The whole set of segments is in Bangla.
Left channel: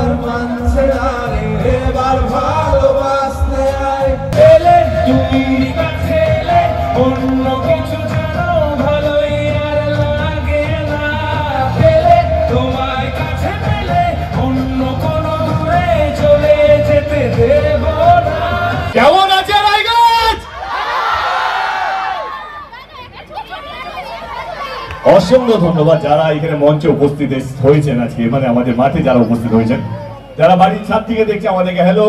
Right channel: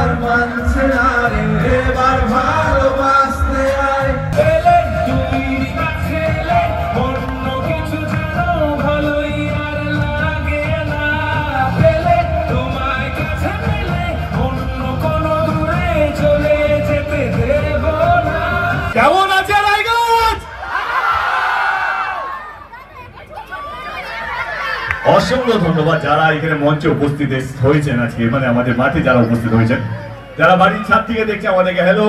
আর মানছে না রে, এবার ভালোবাসতে আয়। এলে তুমি কাছে এলে অন্য কিছু যেন ভালোই আর লাগে না। এলে তোমায় কাছে পেলে অন্য কোনো দূরে চলে যেতে দেব না। কেমন আছে রায়গঞ্জ? অসংখ্য ধন্যবাদ যারা এখানে মঞ্চে উপস্থিত হয়েছেন আজকে, মানে আমাদের মাঠে যারা উপস্থিত হয়েছেন, যারা বাড়ির ছাদ থেকে দেখছে আমাদেরকে হ্যালো,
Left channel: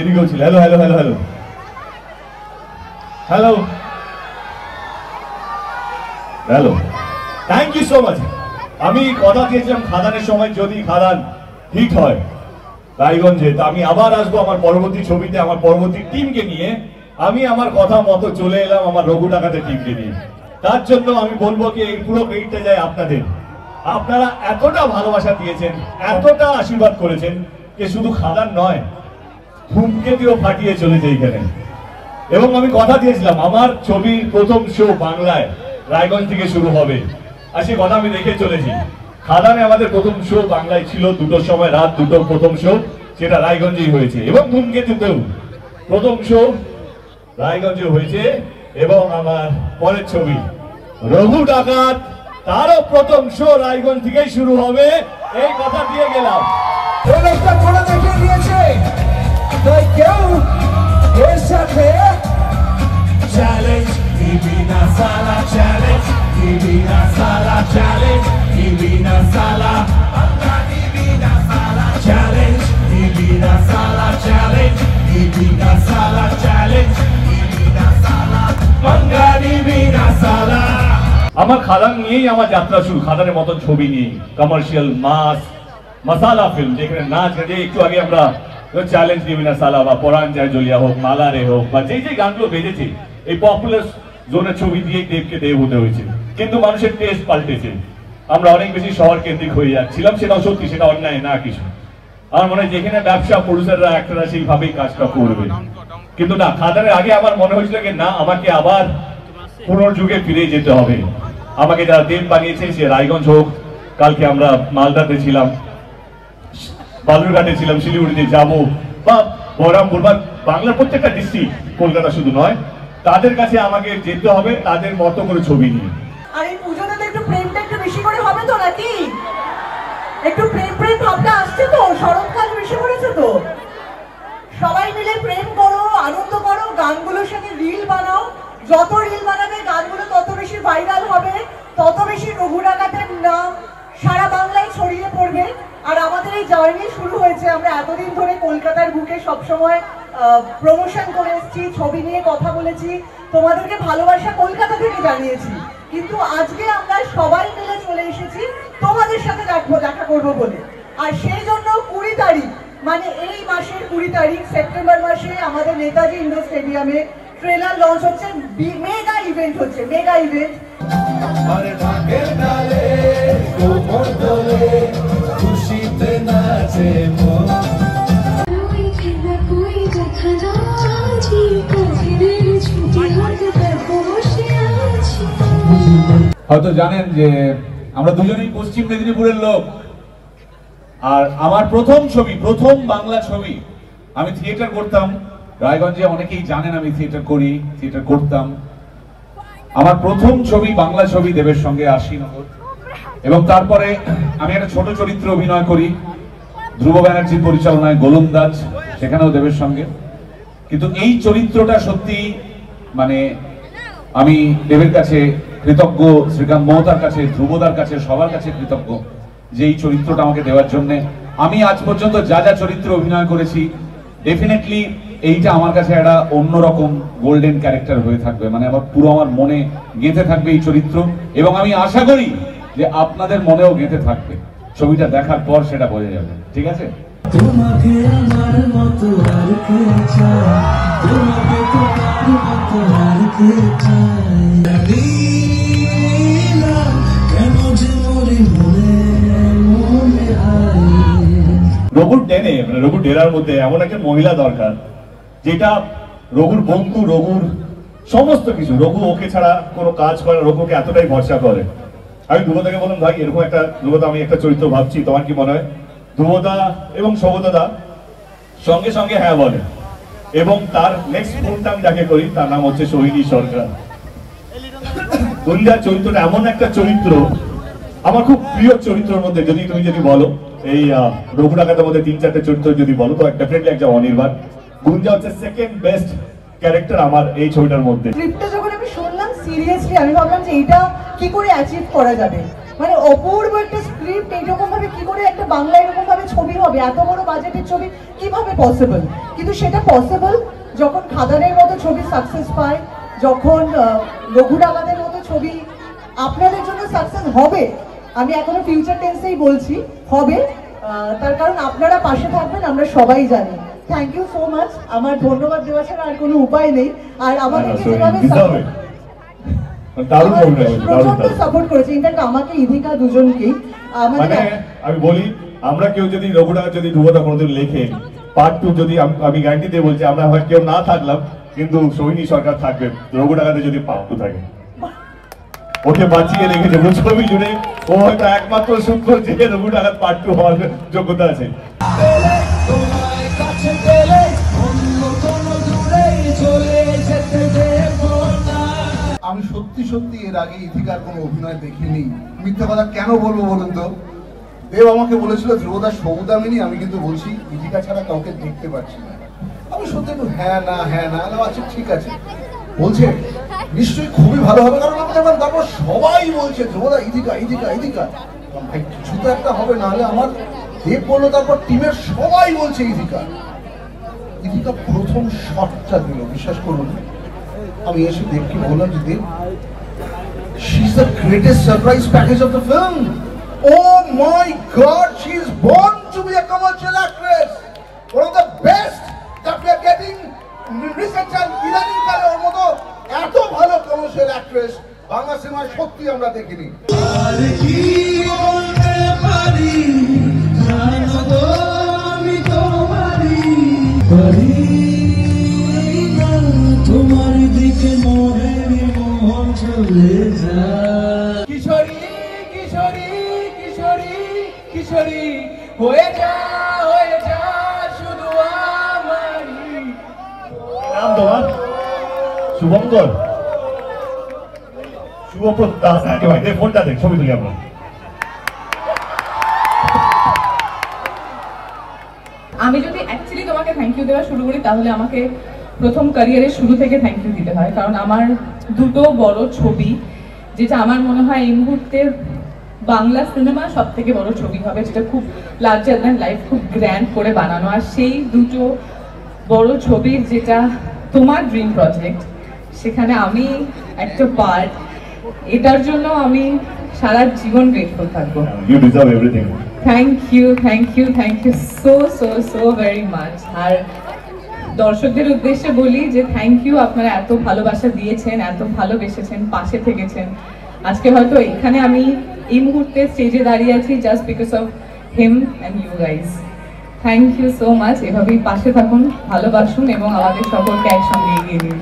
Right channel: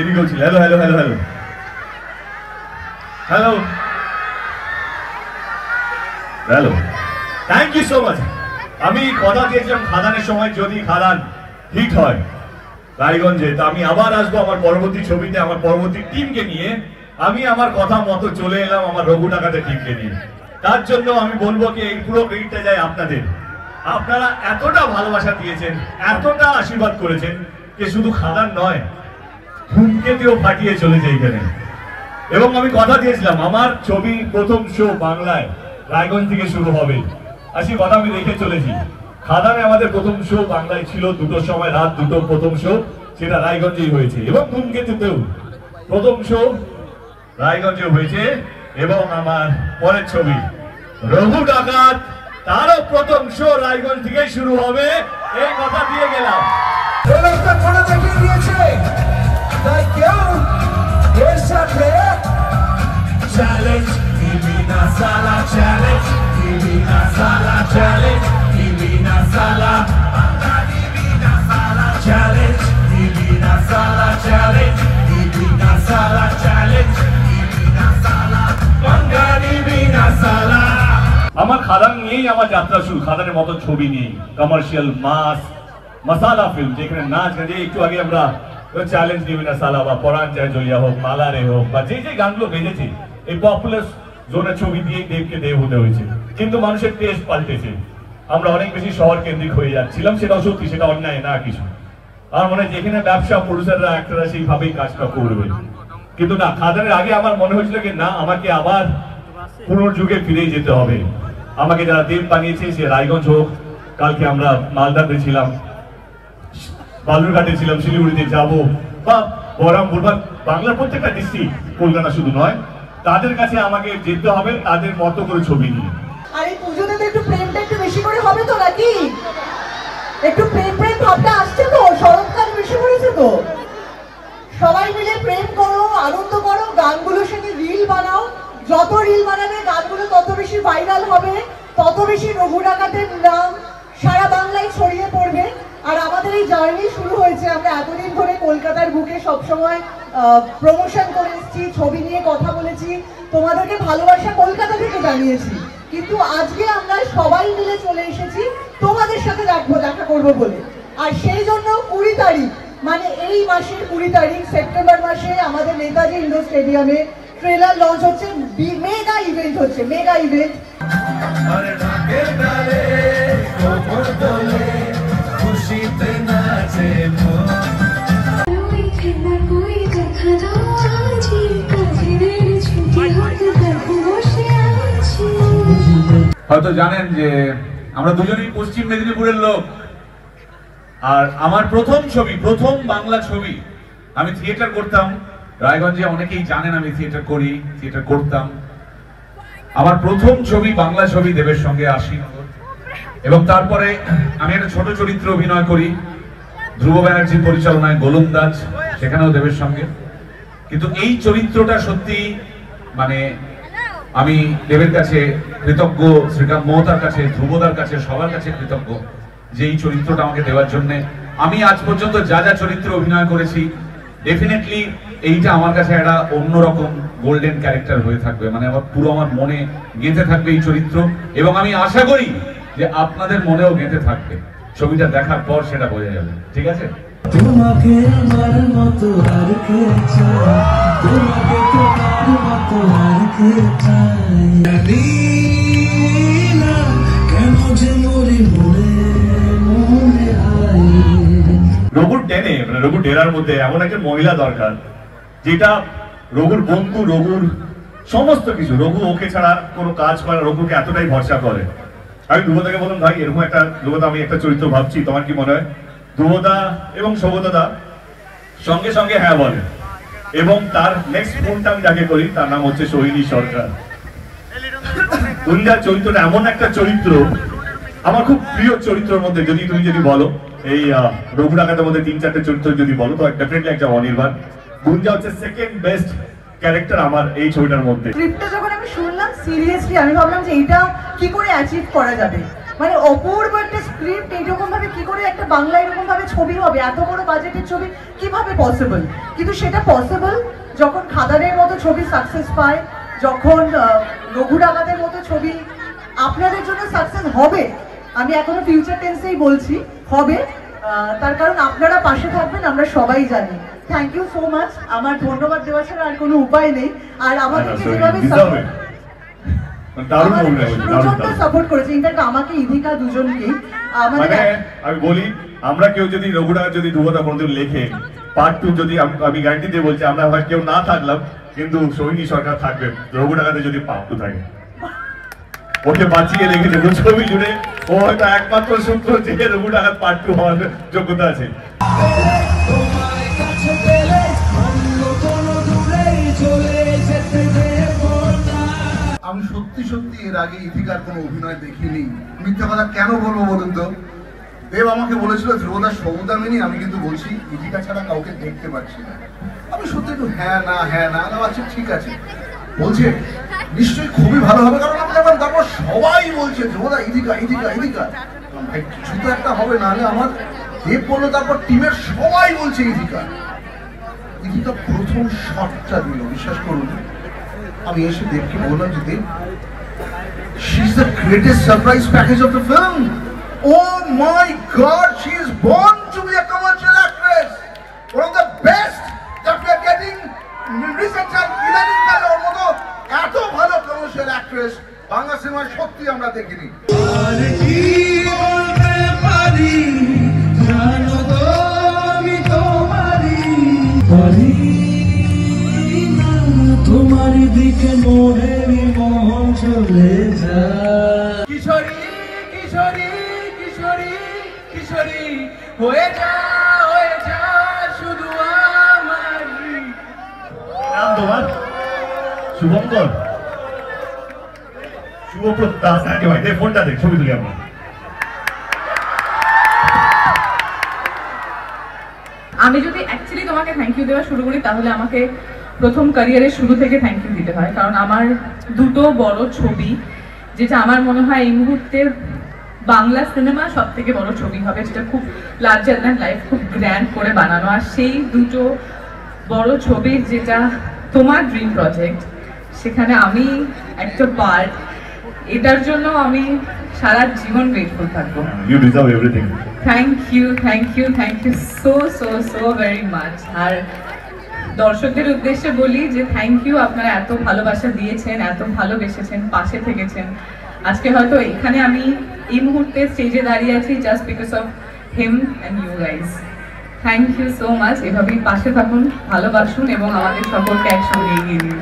এদিকেও ছিল hello hello hello hello hello hello, thank you so much. আমি কথা দিয়েছিলাম খাদানের সময় যদি খাদান হিট হয় রায়গঞ্জে, তো আমি আবার আসবো আমার পরবর্তী ছবিতে আমার পরবর্তী টিমকে নিয়ে। আমি আমার কথা মতো চলে এলাম আমার রঘু ডাকাতের টিমকে নিয়ে। তার জন্য আমি বলবো কি এই পুরো ক্রেডিটটা যায় আপনাদের। আপনারা এতটা ভালোবাসা দিয়েছেন, এতটা আশীর্বাদ করেছেন যে শুধু খাদান নয়, ধূমকেতুও ফাটিয়ে চলেছে এইখানে। এবং আমি কথা দিয়েছিলাম আমার ছবি প্রথম শো বাংলায় রায়গঞ্জ থেকে শুরু হবে, আর সেই কথা আমি রেখে চলেছি। খাদানে আমাদের প্রথম শো বাংলায় ছিল 2টোর সময়, রাত 2টো প্রথম শো, সেটা রায়গঞ্জেই হয়েছে। এবং ধূমকেতুতেও প্রথম শো রায়গঞ্জে হয়েছে। এবং আমার পরের ছবি রঘু ডাকাত, তারও প্রথম শো রায়গঞ্জ থেকেই শুরু হবে, এই কথা দিয়ে গেলাম। একটা করে দেখিয়ে দিয়েছে, তাই কেউ এর সাথে চ্যালেঞ্জ দিবি না সালা, চ্যালেঞ্জ দিবি না সালা, চ্যালেঞ্জ দিবি না সালা, বাংলা দিবি না সালা, চ্যালেঞ্জ দিবি না সালা, চ্যালেঞ্জ দিবি না সালা, চ্যালেঞ্জ দিবি না সালা, বাংলা দিবি না সালা। আমার খাদান নিয়েই আমার যাত্রা শুরু, খাদানের মতো ছবি নিয়ে, কমার্শিয়াল মাস মশালা ফিল্ম, যেখানে নাচ গান, একটু আগে আমরা চ্যালেঞ্জ দিবি না সালা বা পরাণ যায় জ্বলিয়া হোক, মালারে হোক, বা যে যে গানগুলো বেজেছে এই পপুলার জোনের ছবি দিয়ে দেবকে দেব হতে হয়েছে। কিন্তু মানুষের টেস্ট পাল্টেছে, আমরা অনেক বেশি শহর কেন্দ্রিক হয়ে যাচ্ছিলাম, সেটাও সত্যি, সেটা অন্যায় না কিছু। আমার মনে হয় যেখানে ব্যবসা প্রডিউসাররা অ্যাক্টররা সেইভাবেই কাজটা করবে, কিন্তু না, খাদানের আগে আমার মনে হয়েছিল যে না, আমাকে আবার পুনর্যুগে ফিরে যেতে হবে। আমাকে যারা তেল বানিয়েছে, সে রায়গঞ্জ হোক, কালকে আমরা মালদাতে ছিলাম, বালুরঘাটে ছিলাম, শিলিগুড়িতে যাবো, বা বহরমপুর বা বাংলার প্রত্যেকটা ডিস্ট্রিক্ট, কলকাতা শুধু নয়, তাদের কাছে আমাকে যেতে হবে তাদের মতো করে ছবি নিয়ে। আর এই পুজোতে তো একটু প্রেমটা একটু বেশি করে হবে তো নাকি? একটু প্রেম প্রেম ভাবটা আসছে তো, শরৎকাল বেশি করেছে তো, সবাই মিলে প্রেম করো, আনন্দ করো, গানগুলোর সাথে রিল বানাও। যত রিল বানাবে গানগুলো তত বেশি ভাইরাল হবে, তত বেশি রঘু ডাকাতের নাম সারা বাংলায় ছড়িয়ে পড়বে। আর আমাদের এই জার্নি শুরু হয়েছে, আমরা এতদিন ধরে কলকাতার বুকে সবসময় প্রমোশন করে এসেছি, ছবি নিয়ে কথা বলেছি, তোমাদেরকে ভালোবাসা কলকাতা থেকে জানিয়েছি, কিন্তু আজকে আমরা সবাই মিলে চলে এসেছি তোমাদের সাথে দেখা করবো বলে। আর সেই জন্য 20 তারিখ, মানে এই মাসের 20 তারিখ সেপ্টেম্বর মাসে আমাদের নেতাজি ইন্ডোর স্টেডিয়ামে ট্রেলার লঞ্চ হচ্ছে, মেগা ইভেন্ট হচ্ছে, মেগা ইভেন্ট। হয়তো জানেন যে আমরা দুজনেই পশ্চিম মেদিনীপুরের লোক, আর আমার প্রথম ছবি, প্রথম বাংলা ছবি, আমি থিয়েটার করতাম রায়গঞ্জে, অনেকেই জানেন আমি থিয়েটার করি, থিয়েটার করতাম। আমার প্রথম ছবি বাংলা ছবি দেবের সঙ্গে আশিনগর, এবং তারপরে আমি একটা ছোট চরিত্রে অভিনয় করি ধ্রুব ব্যানার্জির পরিচালনায় গোলন্দাজ, সেখানেও দেবের সঙ্গে। কিন্তু এই চরিত্রটা সত্যি, মানে আমি দেবের কাছে কৃতজ্ঞ, শ্রীকান্ত মহতার কাছে, ধ্রুবদার কাছে, সবার কাছে কৃতজ্ঞ যে এই চরিত্রটা আমাকে দেওয়ার জন্য। আমি আজ পর্যন্ত যা যা চরিত্রে অভিনয় করেছি, ডেফিনেটলি এইটা আমার কাছে একটা অন্যরকম গোল্ডেন ক্যারেক্টার হয়ে থাকবে, মানে আমার পুরো আমার মনে গেঁথে থাকবে এই চরিত্র, এবং আমি আশা করি যে আপনাদের মনেও গেঁথে থাকবে। ছবিটা দেখার পর সেটা বোঝা যাবে, ঠিক আছে? তোমাকে আমার মতো আর কে চায়, তোমাকে তোমার মতো আর কে চায়, কেন যে মরি মনে মনে রঘুর টেনে, মানে রঘুর ডেরার মধ্যে এমন একটা মহিলা দরকার যেটা রঘুর বন্ধু, রঘুর সমস্ত কিছু, রঘু ওকে ছাড়া কোনো কাজ করে, রঘুকে এতটাই ভরসা করে। আমি ধ্রুবদাকে বললাম, ভাই এরকম একটা, ধ্রুবদা আমি একটা চরিত্র ভাবছি, তোমার কি মনে হয়? ধ্রুবদা এবং সৌগতদা সঙ্গে সঙ্গে হ্যাঁ বলে, এবং তার নেক্সট ফোনটা আমি যাকে করি তার নাম হচ্ছে সোহিনী সরকার। গুঞ্জার চরিত্রটা এমন একটা চরিত্র, আমার খুব প্রিয় চরিত্রের মধ্যে তুমি যদি বলো এই রঘু ডাকাতের মধ্যে 3-4টে চরিত্র যদি বলো তো ডেফিনেটলি একটা অনির্বাণ। গুঞ্জা হচ্ছে সেকেন্ড বেস্ট ক্যারেক্টার আমার এই ছবিটার মধ্যে। স্ক্রিপ্টটা যখন আমি শুনলাম সিরিয়াসলি আমি ভাবলাম যে এটা কি করে অ্যাচিভ করা যাবে, মানে অপূর্ব একটা স্ক্রিপ্ট, এইরকম ভাবে কি করে একটা বাংলা এরকম ভাবে ছবি হবে, এত বড় বাজেটের ছবি কিভাবে পসিবল। কিন্তু সেটা পসিবল যখন খাদানের মতো ছবি সাকসেস পায়, যখন রঘু ডাকাতের মতো ছবি আপনাদের জন্য সাকসেস হবে। আমি এখনো ফিউচার টেন্সেই বলছি হবে, তার কারণ আপনারা পাশে থাকবেন আমরা সবাই জানি। Thank you so much. আমার ধন্যবাদ দেওয়া ছাড়া আর কোনো উপায় নেই। আর আমাদেরকে যেভাবে সাপোর্ট করেছে, ইনফ্যাক্ট আমাকে ইধিকা দুজনকেই, মানে আমি বলি আমরা কেউ যদি রঘু ডাকাত যদি ধ্রুবদা কোনোদিন লেখে পার্ট 2 যদি আমি গ্যারান্টি দিয়ে বলছি আমরা হয় কেউ না থাকলাম কিন্তু সোহিনী সরকার থাকবে রঘু ডাকাতে যদি পার্ট 2 থাকে। ওকে বাঁচিয়ে রেখে দেবো ছবি জুড়ে, ও হয়তো একমাত্র সূত্র যে রঘু ডাকাত পার্ট 2 হওয়ার যোগ্যতা আছে। আমি সত্যি সত্যি এর আগে ইথিকার কোনো অভিনয় দেখিনি। মিথ্যা কথা কেন বলবো বলুন তো? দেব আমাকে বলেছিল ধ্রুবদা সৌদামিনী, আমি কিন্তু বলছি ইথিকা ছাড়া কাউকে দেখতে পাচ্ছি না। আমি সত্যি একটু হ্যাঁ না আচ্ছা ঠিক আছে, বলছে নিশ্চয়ই খুবই ভালো হবে, কারণ আমার তারপর সবাই বলছে ধ্রুবদা ইথিকা। কিছু তো একটা হবে, না হলে আমার দেব বললো, তারপর টিমের সবাই বলছে ইথিকা। প্রথম শটটা দিল, বিশ্বাস করুন আমি এসে দেখে বললাম যে দেব, she is the greatest surprise package of the film. Oh my God, she is born to be a commercial actress. One of the best that we are getting recent time. ইদানিং কালে ওর মতো এত ভালো কমার্শিয়াল অ্যাক্ট্রেস বাংলা সিনেমায় সত্যি আমরা দেখিনি। আর কি বলতে পারি জানো তো আমি তোমারই তোমার দিকে মনের মন চলে যায়। কিশোরী কিশোরী কিশোরী কিশোরী হয়ে যা শুধু আমারই। নাম তোমার? শুভঙ্কর, শুভপ্রদ দাস নাকি ভাই? ফোনটা দেখ, ছবি তুলি আমি। আমি যদি অ্যাকচুয়ালি তোমাকে থ্যাংক ইউ দেওয়া শুরু করি তাহলে আমাকে প্রথম ক্যারিয়ারের শুরু থেকে থ্যাংক ইউ দিতে হয়, কারণ আমার দুটো বড় ছবি, যেটা আমার মনে হয় এই মুহূর্তে বাংলা সিনেমা সব থেকে বড় ছবি হবে, যেটা খুব লার্জার দ্যান লাইফ, খুব গ্র্যান্ড করে বানানো। আর সেই দুটো বড় ছবির যেটা তোমার ড্রিম প্রজেক্ট, সেখানে আমি একটা পার্ট, এটার জন্য আমি সারা জীবন গ্রেটফুল থাকবো। You deserve everything. Thank you so very much. আর দর্শকদের উদ্দেশ্যে বলি যে থ্যাংক ইউ, আপনারা এত ভালোবাসা দিয়েছেন, এত ভালোবেসেছেন, পাশে থেকেছেন। আজকে হয়তো এখানে আমি এই মুহূর্তে স্টেজে দাঁড়িয়ে আছি just because of him and you guys. Thank you so much. এভাবেই পাশে থাকুন, ভালোবাসুন এবং আমাদের সকলকে একসঙ্গে এগিয়ে নিন।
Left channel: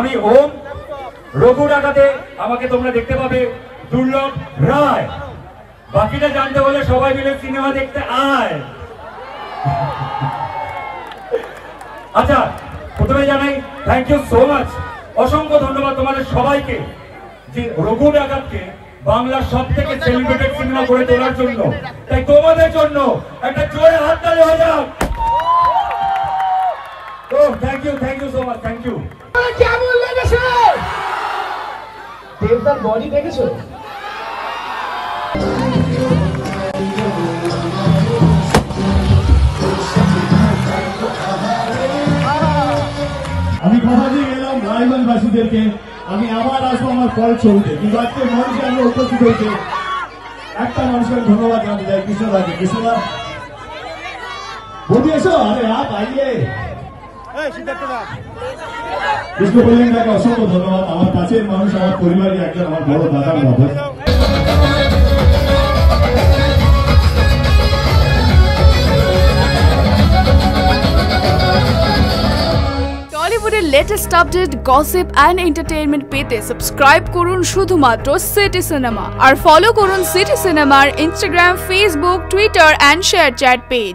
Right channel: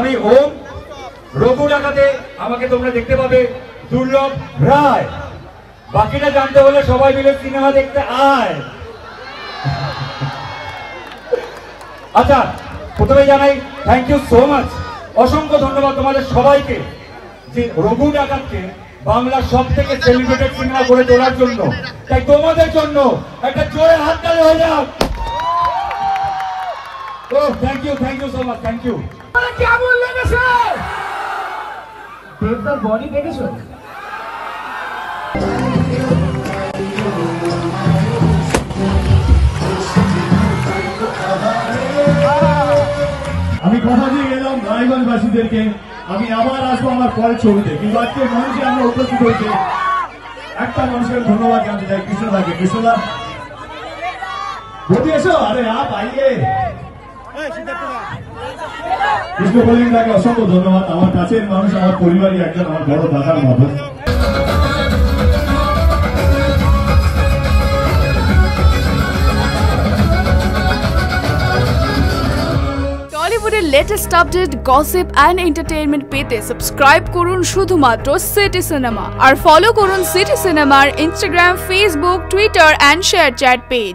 আমি ওম, রঘু ডাকাতে আমাকে তোমরা দেখতে পাবে দুর্লভ রায়। বাকিটা জানতে হলে সবাই মিলে সিনেমা দেখতে আয়। আচ্ছা, প্রথমে জানাই থ্যাংক ইউ সো মাচ, অসংখ্য ধন্যবাদ তোমাদের সবাইকে যে রঘু ডাকাতকে বাংলার সব থেকে সেলিব্রেটেড সিনেমা করে তোলার জন্য। তাই তোমাদের জন্য একটা জোরে হাততালি হয়ে যাক। তো thank you so much, thank you. কেমন লেগেছে? দেবদার বডি দেখেছো? আমি কথা দিয়ে গেলাম রায়গঞ্জবাসীদেরকে, আমি আবার আসবো আমার পরের ছবিতে, কিন্তু আজকে মানুষকে আমরা উপস্থিত হয়েছে একটা মানুষের ধন্যবাদ জানতে চাই, কৃষ্ণদাকে। কৃষ্ণদা বলতে এসো, আরে আপ আইয়ে। কৃষ্ণ বললেন তাকে অসংখ্য ধন্যবাদ, আমার কাছের মানুষ, আমার পরিবারের একজন, আমার বড় দাদার মতো। Latest update, gossip and entertainment পেতে সাবস্ক্রাইব করুন শুধুমাত্র সিটি সিনেমা আর ফলো করুন সিটি সিনেমার Instagram, Facebook, Twitter and share chat page.